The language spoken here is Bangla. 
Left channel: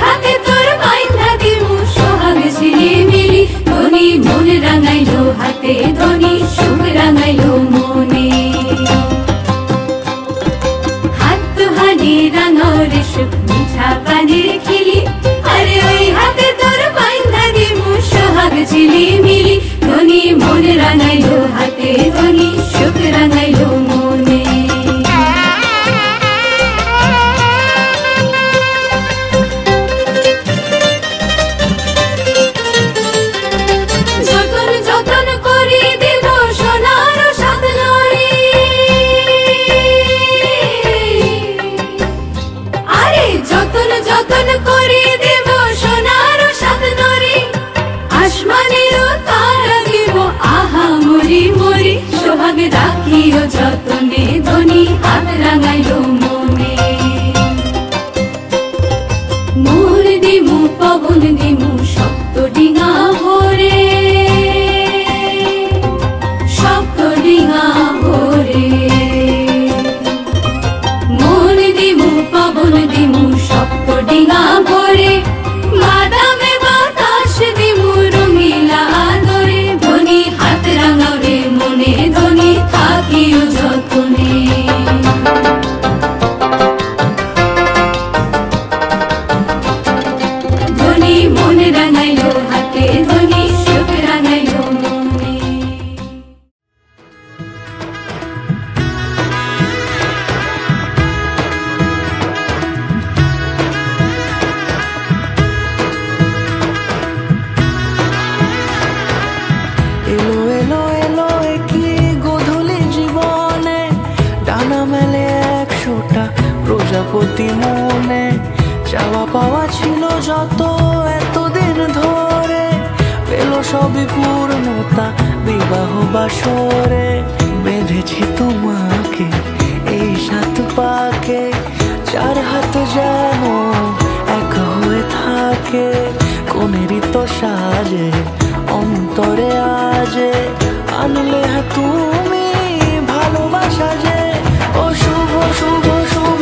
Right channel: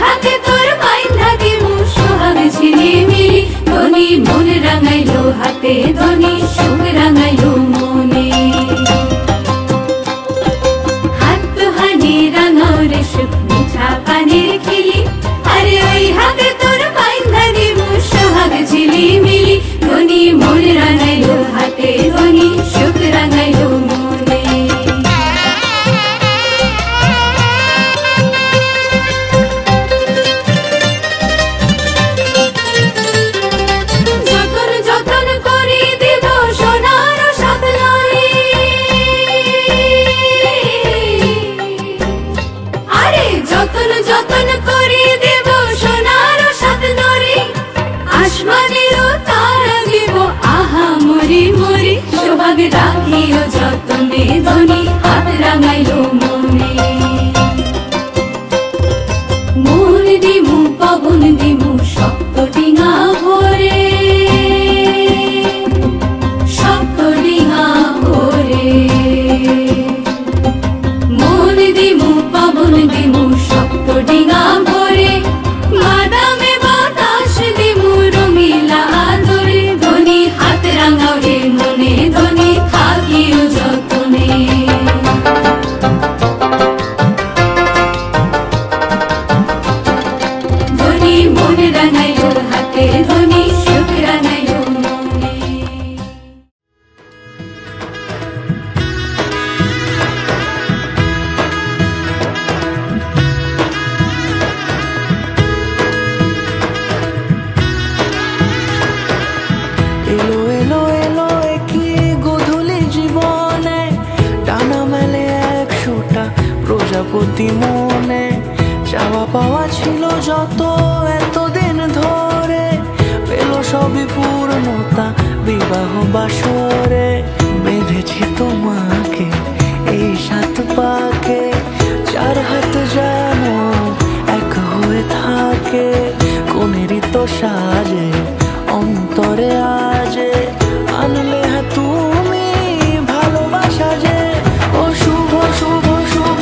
হাতে তোর বাইন্ধা দিমু সোহাগ ঝিলিমিলি ধনী মন রাঙাইলো হাতে ধনী সুখ রাঙাইলো মনে হাত হানি রাঙাও রে সুখ মিঠা পানির খিলি আরে ওই হাতে তোর বাইন্ধা দিমু সোহাগ ঝিলিমিলি ধনী মন রাঙাইলো হাতে ধনী সুখ রাঙাইলো মনে সোহাগ রাখিও যতনে ধনী হাত রাঙাইলো মনে মন দিমু পবন দিমু শক্ত ডিঙা ভরে শক্ত ডিঙা ভরে মন দিমু পবন দিমু শক্ত ডিঙা ভরে বাদামে বাতাস দিমু রঙিলা আদরে ধনী হাত রাঙাও রে মনে ধনী থাকিও যতনে ধনী মন রাঙাইলো হাতে ধনী সুখ রাঙাইলো মনে এলো এলো এলো কি গোধূলি জীবনে ডানা মেলে 100টা প্রজাপতি মনে চাওয়া পাওয়া ছিল যত এতদিন ধরে পেল সবই পূর্ণতা বিবাহ বাসরে বেঁধেছি তোমাকে এই 7 পাকে 4 হাত যেন এক হয়ে থাকে কোনেরই তো সাজে অন্তরে আজে আনলে তুমি ভালোবাসা যে ও শুভ শুভ শুভ